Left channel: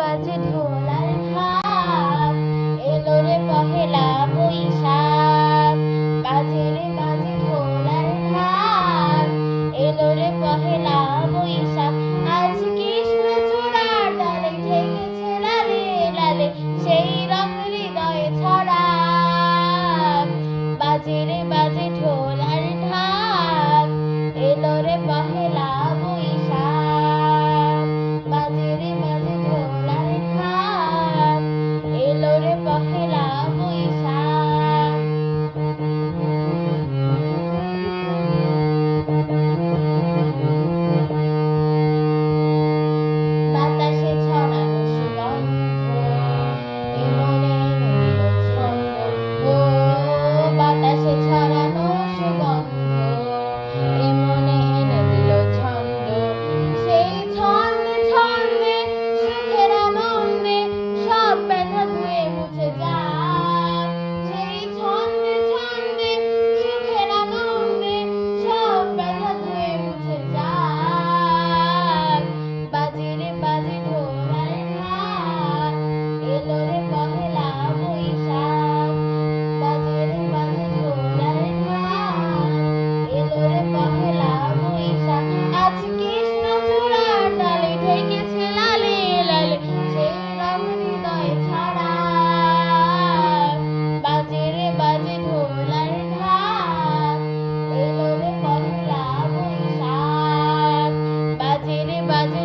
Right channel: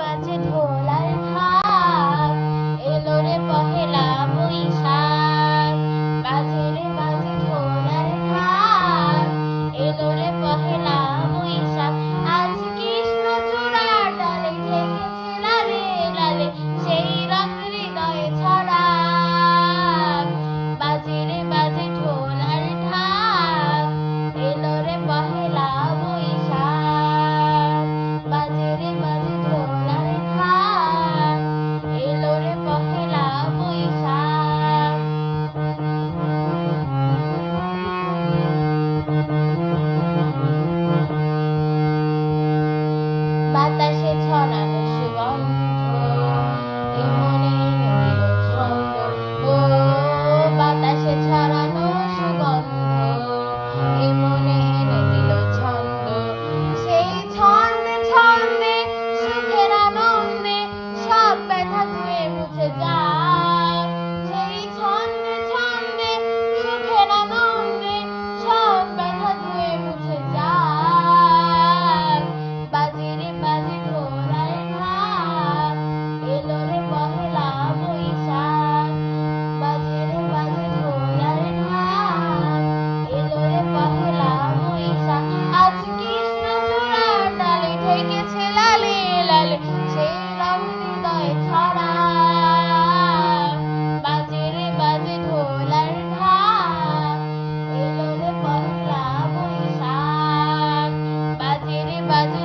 বাজে ঢোল আর ঢাক, এলো রে পহেলা বৈশাখ। বাজে রে বাজে ঢোল আর ঢাক, এলো রে পহেলা বৈশাখ। আজ কৃষ্ণচূড়ার ডালে ঢেকেছে লালে লালে, সেই রং হৃদয়ে ছড়াক। বাজে রে বাজে ঢোল আর ঢাক, এলো রে পহেলা বৈশাখ। বাজে রে বাজে ঢোল আর ঢাক, এলো রে পহেলা বৈশাখ। বাতাসে ছড়ানো সুগন্ধ, এ মনে এনে দিল ছন্দ। ও বাতাসে ছড়ানো সুগন্ধ, এ মনে এনে দিল ছন্দ। সেই ছন্দে ছন্দে সুখের আনন্দে সব ব্যথা ধুয়ে মুছে যাক। সেই ছন্দে ছন্দে সুখের আনন্দে সব ব্যথা ধুয়ে মুছে যাক। বাজে রে বাজে ঢোল আর ঢাক, এলো রে পহেলা বৈশাখ। বাজে রে বাজে ঢোল আর ঢাক, এলো রে পহেলা বৈশাখ। আজ কৃষ্ণচূড়ার ডালে ঢেকেছে লালে লালে, সেই রং হৃদয়ে ছড়াক। বাজে রে বাজে ঢোল আর ঢাক, এলো রে পহেলা বৈশাখ। বাজে রে বাজে